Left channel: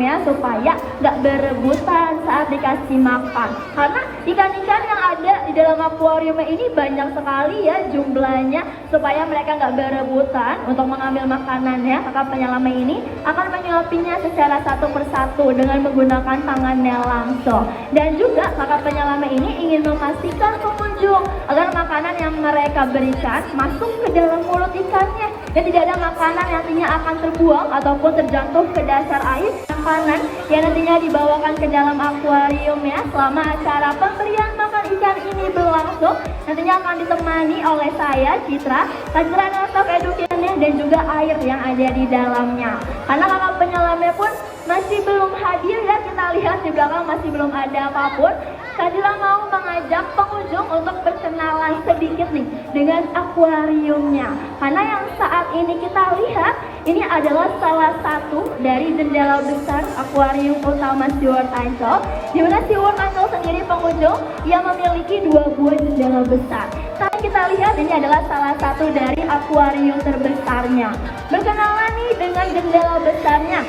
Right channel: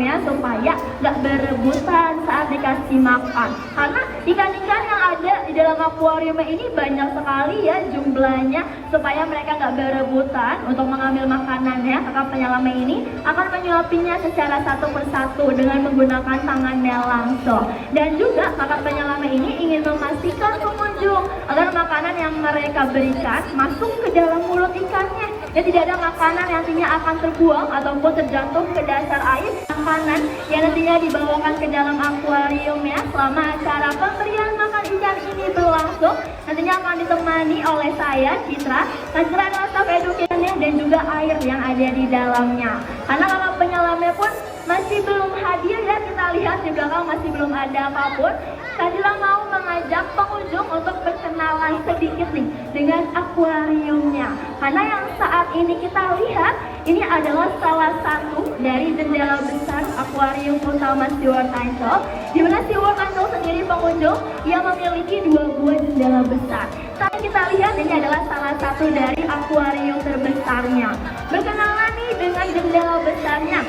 ya supaya nggak berebutan saat dikasih makan. Karena ikan-ikan yang ada di dalam akuarium ini banyak sekali ya jumlahnya, supaya mereka nggak berebutan untuk mengambil makanannya. Kakak penyelamat ini akan menyuapinya secara satu persatu dengan menggunakan tangannya langsung. Dan juga kakak penyelamat ini ingin memastikan pengunjung agar makanan yang mereka berikan masuk ke dalam mulut ikannya dan tidak ada makanan yang nantinya akan terbuang ataupun terjatuh ke dasar air. Makanan yang nantinya dibawakan ke dalam akuarium ya selama acara pemberian makan ikan ini berlangsung nantinya akan ditemani oleh saya Citra, panceran stok edukannya dan juga air yang ada di dalamnya. Karena kakak penyelamnya pun masih belum hadir ya, kita lihat di belakang masih belum ada apapun. Kadila mau mengajak pengunjung untuk berkenalan sedikit nih dengan akuariumnya. Karena yang saat ini kita lihat ini adalah salah satu dari jendela besar akuarium utama SeaWorld Ancol. Di mana SeaWorld Ancol sendiri pengunjung yang memiliki 2 buah jendela besar. Tapi kita lihat ini adalah salah satu dari akuarium terbesarnya. Berkenalan nih dengan jendela besarnya.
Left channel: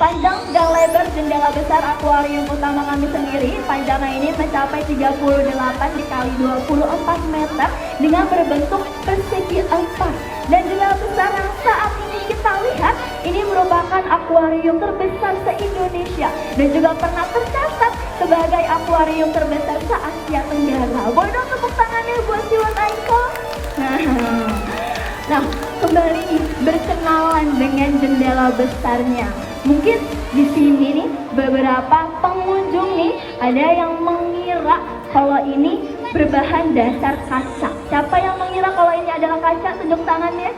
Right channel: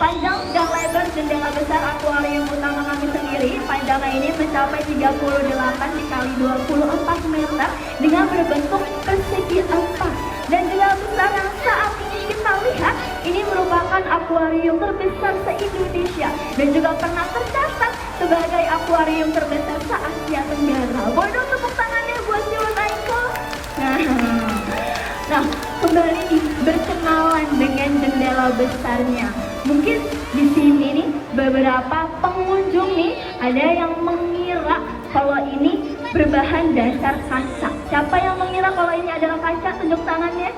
Panjang dan lebar jendela besar akuarium utama kami sendiri, panjangnya ini mencapai 38 dikali 24 meter dengan berbentuk persegi empat. Dan jendela besar yang saat ini kita lihat ini merupakan akuarium terbesar se-Indonesia dan juga pernah tercatat sebagai akuarium terbesar se-Asia Tenggara. Boleh dong tepuk tangannya buat SeaWorld Ancol. Nah, kembali berkenalan dengan jendela besarnya. Mungkin di sini nih beberapa pengunjung nih ada yang mengira kalau ini berbahan dasar kaca. Siapa yang mengira kalau ini adalah kaca? Tunjuk tangannya.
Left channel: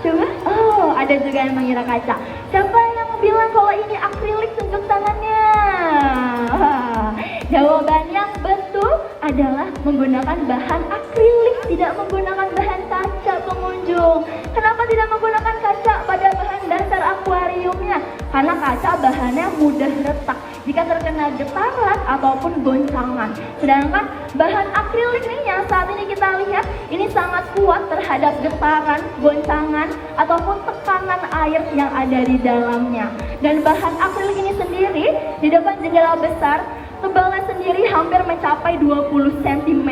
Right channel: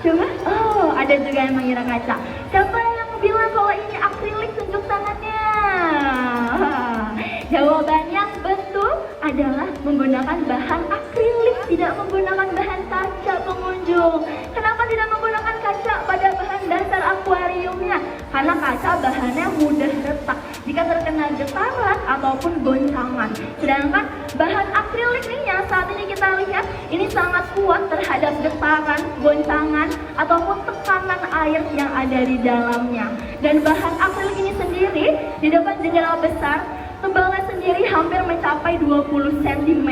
Coba. Oh, ada juga yang mengira kaca. Siapa yang bilang kalau ini akrilik? Tunjuk tangannya. Jawaban yang betul adalah menggunakan bahan akrilik, tidak menggunakan bahan kaca pengunjung. Kenapa tidak menggunakan kaca pada bahan dasar akuariumnya? Karena kaca bahannya mudah retak jika terkena getaran ataupun goncangan. Sedangkan bahan akrilik ini yang saat ini kita lihat ini sangat kuat terhadap getaran, goncangan ataupun tekanan air yang ada di dalamnya. Dan bahan akrilik ini sendiri di depan jendela besar tebalnya sendiri hampir mencapai 20 cm,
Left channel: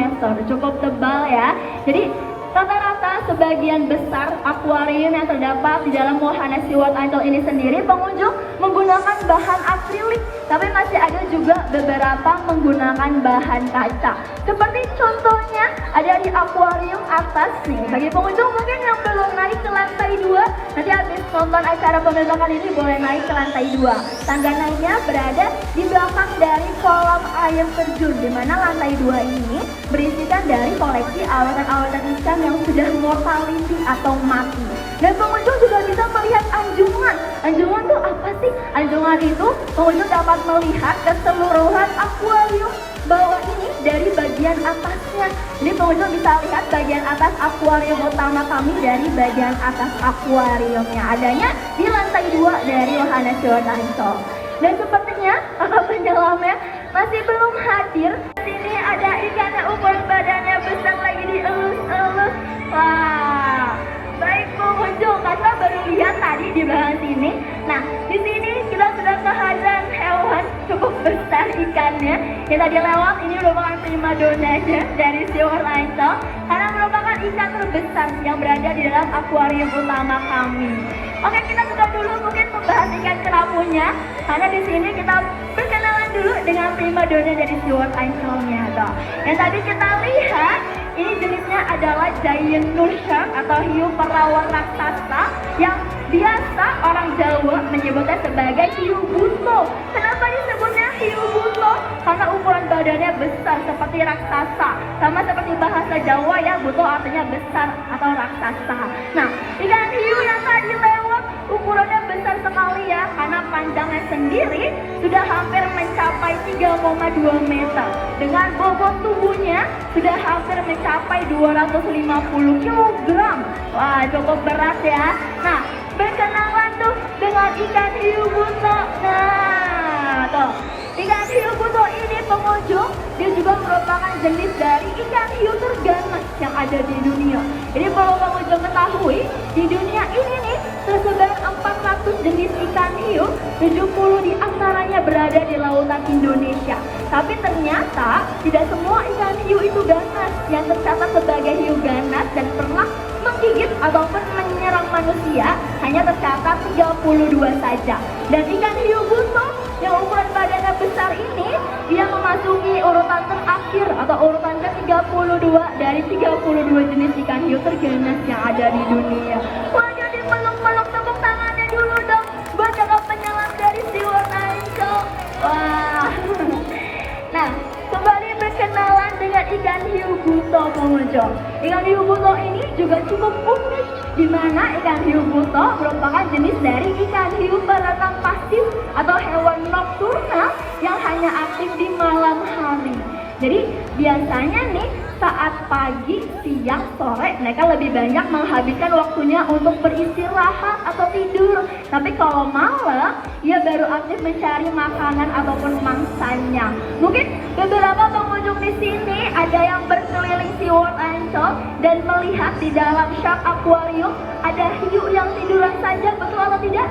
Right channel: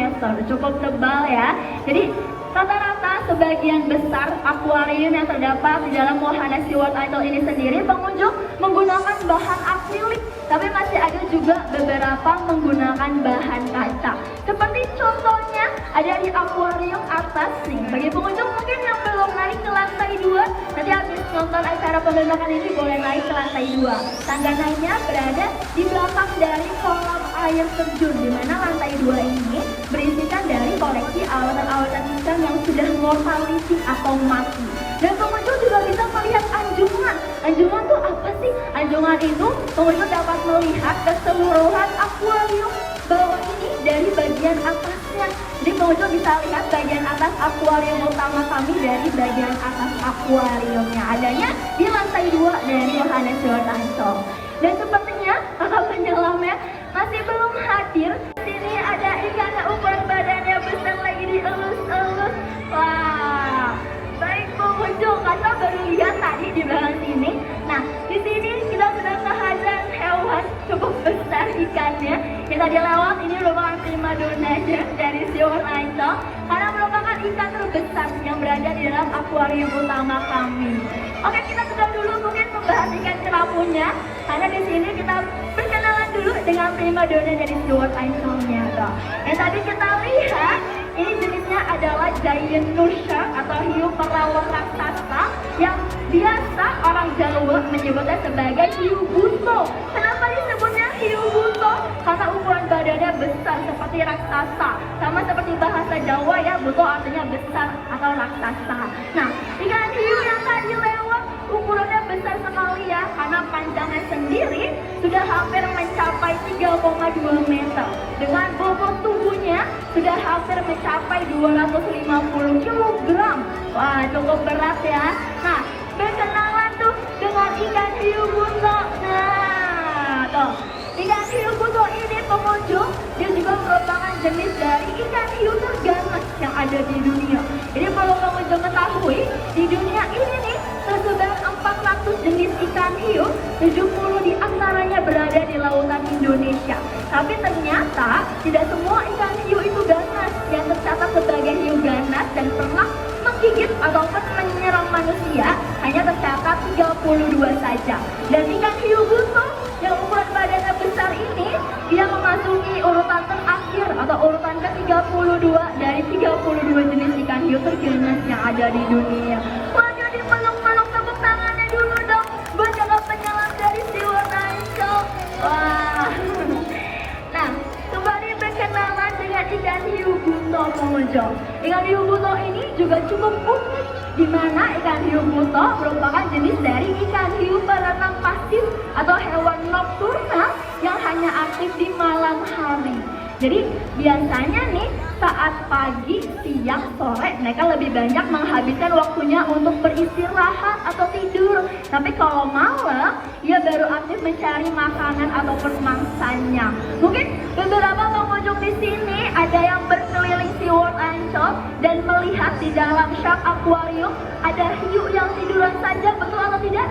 cukup tebal ya. Jadi rata-rata sebagian besar akuarium yang terdapat di dalam wahana SeaWorld Ancol ini sendiri pengunjung menggunakan bahan akrilik, tapi masih ada juga beberapa menggunakan bahan kaca. Seperti contohnya ada di akuarium atas nih. Bagi pengunjung mungkin yang belum naik ke lantai 2, nanti habis nonton acara pembentangan ini boleh naik ke lantai 2. Tangga naiknya berada di belakang dari kolam air terjun, di mana lantai 2 ini berisikan dari koleksi alat-alat ikan yang sudah mortality atau mati. Dan pengunjung juga bisa melihat anjungan. Anjungan itu apa sih? Anjungan itu pengunjung dapat melihat keseluruhan akuarium bawah ini dari bagian atasnya. Jadi pengunjung bisa lihat bagian atas akuarium utama kami dari bagian atas akuariumnya. Adanya di lantai 2 dari wahana SeaWorld Ancol. Dan sepertinya kakak penyelamnya masih belum hadir. Di sini ada ikan yang ukuran badannya besar lagi dielus-elus. Wah, baik pengunjung, kakak baru lihat tadi di belakang sini. Nah, di sini kita sudah kehadiran hewan cukup besar ikannya. Yang tadi lewat ini merupakan primadonanya dari SeaWorld Ancol karena merupakan ikan terbesar yang berada di dalam akuarium utama kami. Oke, kita sudah dulu mungkin membahas ikan kerapunya, karena di sini kita berkenalan dulu dengan primadona dari SeaWorld Ancol-nya. Yang tadi kita lihat ini jenisnya adalah giant nurse shark atau hiu pelawak raksasa yang biasa orang Jawa menyebutnya sebagai hiu buto. Kenapa disebutnya hiu buto? Karena ukuran badannya besar seperti raksasa, sama seperti bahasa Jawa yang buto artinya besar atau raksasa. Nah, ikan hiu yang tadi lewat ukurannya besar sekali ya, karena panjangnya sendiri sudah hampir mencapai 3,2 meter. Dengan bobot tubuhnya sudah hampir mencapai 250 kg. Wah, cukup berat ya. Nah, berkenalan tuh dengan ikan hiu buto. Nah, tuh. Ikan hiu buto ini pengunjung, dia juga merupakan jenis dari ikan hiu terganas yang ada di dunia. Jadi kalau pengunjung ketahui, di dunia ini nih tersebar 400 jenis ikan hiu, 70 di antaranya berada di lautan Indonesia. Tapi ternyata tidak semua ikan hiu itu ganas. Yang tercatat sebagai hiu ganas dan pernah menggigit ataupun menyerang manusia hanya tercatat 32 saja. Dan ikan hiu buto yang ukuran badannya besar ini, dia memasuki urutan terakhir atau urutan ke-32 dari 32 jenis ikan hiu terganas yang ada di dunia. Wah, jadi peluk-peluk tepuk tangannya dulu dong buat kakak penyelam dari SeaWorld Ancol. Wah. Nah, kembali berkenalan dengan ikan hiu buto pengunjung. Ikan hiu buto ini juga cukup unik, di mana ikan hiu buto merupakan jenis dari ikan hiu berenang pasif atau hewan nokturnal yang hanya aktif di malam hari. Jadi biasanya nih saat pagi, siang, sore mereka lebih banyak menghabiskan waktunya untuk beristirahat atau tidur. Tapi kalau malam, ia baru aktif mencari makanan ataupun mangsanya. Mungkin beberapa pengunjung di sini ada yang berkeliling SeaWorld Ancol dan melihat di dalam shark aquarium ada hiu yang tiduran saja, betul atau tidak?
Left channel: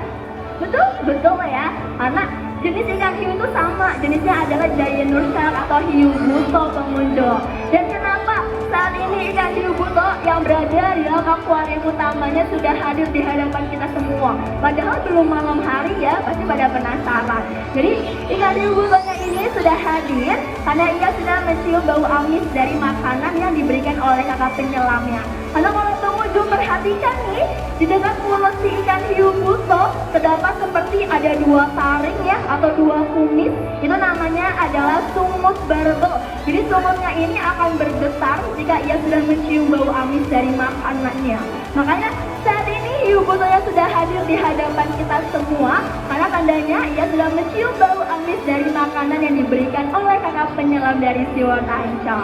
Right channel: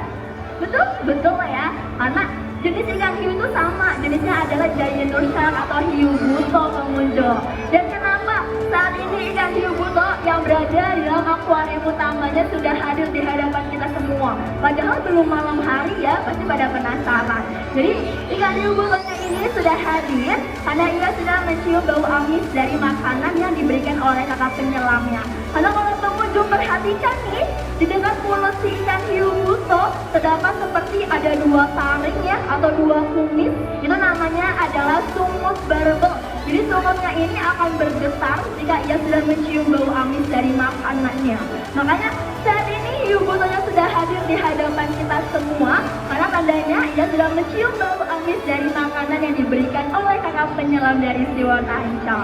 Betul? Betul ya, karena jenis ikan hiu itu sama, jenisnya adalah giant shark atau hiu buto pengunjung. Dan kenapa saat ini ikan hiu buto yang berada di dalam akuarium utamanya sudah hadir di hadapan kita semua? Padahal belum malam hari ya, pasti pada penasaran. Jadi ikan hiu butonya ini sudah hadir karena ia sudah mencium bau amis dari makanan yang diberikan oleh kakak penyelamnya. Karena kalau pengunjung perhatikan nih, di dekat mulut si ikan hiu buto terdapat seperti ada dua taring ya, atau dua kumis. Itu namanya adalah sumut barbel. Jadi sumutnya ini akan bergetar jika ia sudah mencium bau amis dari makanannya. Makanya saat ini hiu butonya sudah hadir di hadapan kita semua, karena tandanya ia sudah mencium bau amis dari makanan yang diberikan oleh kakak penyelam dari SeaWorld Ancol.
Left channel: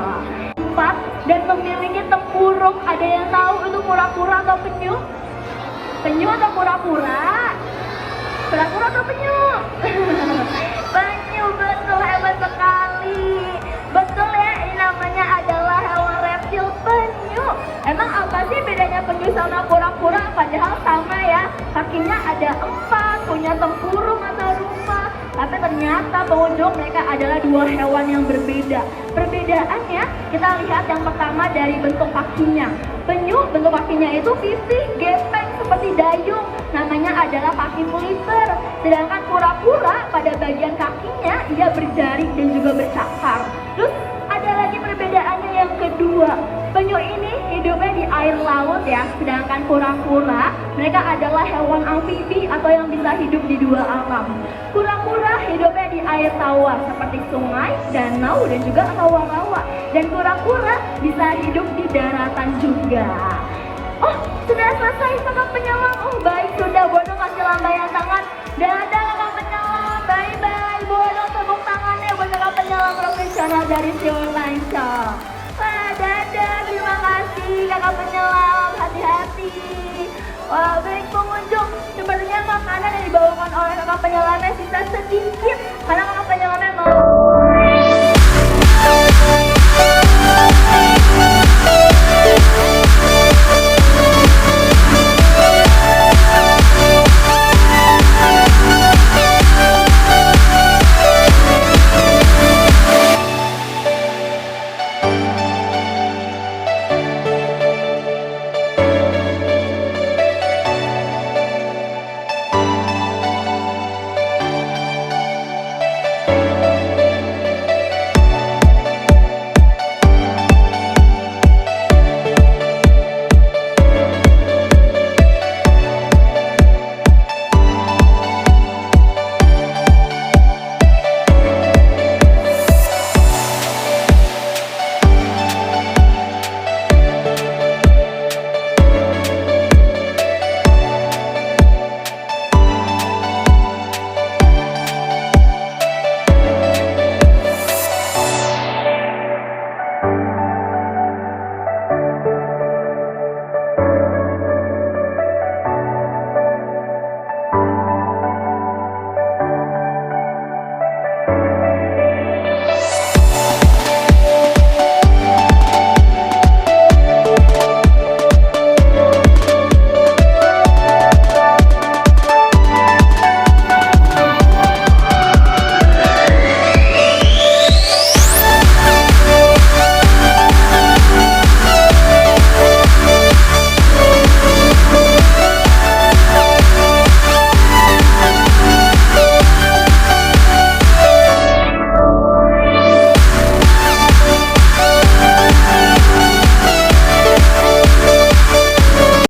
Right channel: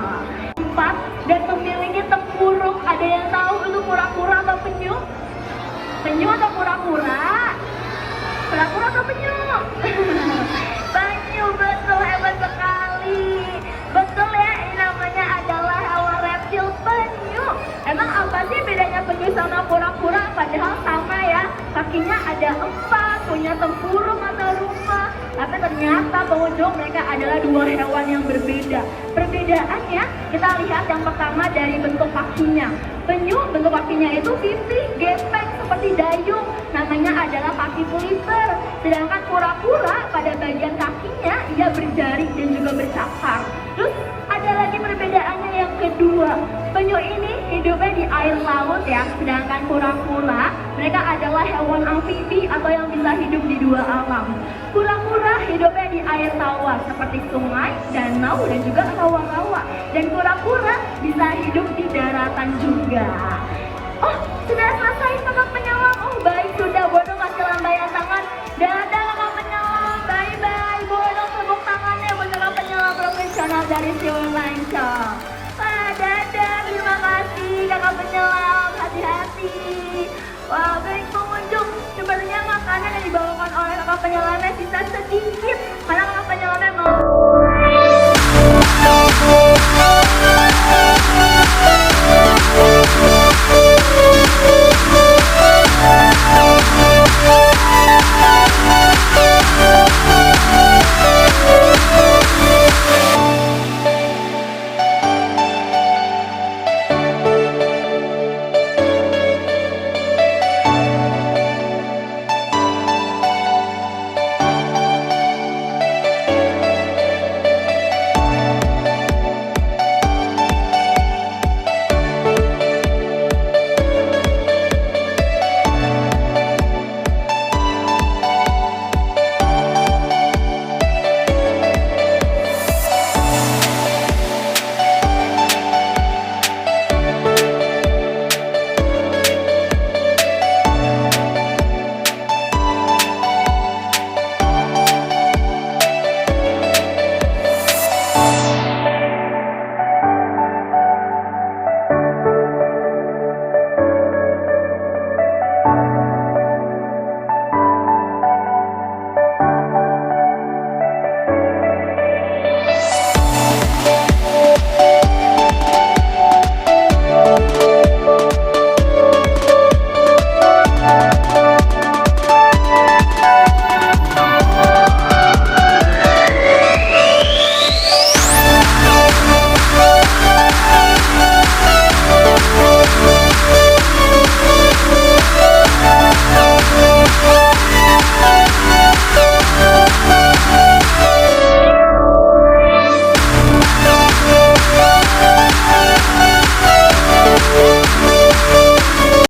Dan memiliki tempurung. Ada yang tahu itu kura-kura atau penyu? Penyu atau kura-kura? Kura-kura atau penyu? Penyu, betul, hebat sekali. Betul ya, ini namanya adalah hewan reptil penyu. Emang apa sih bedanya penyu sama kura-kura? Padahal sama ya, kakinya ada 4, punya tempurung atau rumah. Tapi ternyata pengunjung mereka adalah dua hewan yang berbeda. Perbedaannya kita lihat yang pertama dari bentuk kakinya. Penyu bentuk kakinya itu pipih, gepeng seperti dayung, namanya adalah kaki pelipper. Sedangkan kura-kura pada bagian kakinya ia berjari dan juga bercakar. Terus ada lagi perbedaannya yang kedua. Penyu ini hidupnya di air laut ya, sedangkan kura-kura mereka adalah hewan amfibi atau yang bisa hidup di dua alam. Kura-kura hidupnya di air tawar seperti sungai, danau, dan juga rawa-rawa. Dan kura-kura bisa hidup di daratan juga. Oh, sudah selesai kakak penyelam. Oh, baik, sudah. Boleh kasih lambaian tangan. Dadah kakak penyelam. Bye-bye. Boleh tepuk tangannya buat kakak penyelam profesional dari SeaWorld Ancol. Dadah, terima kasih kakak penyelam. Hati-hati. Wah, baik pengunjung. Sebenarnya makanan yang dibawakan oleh kakak penyelamnya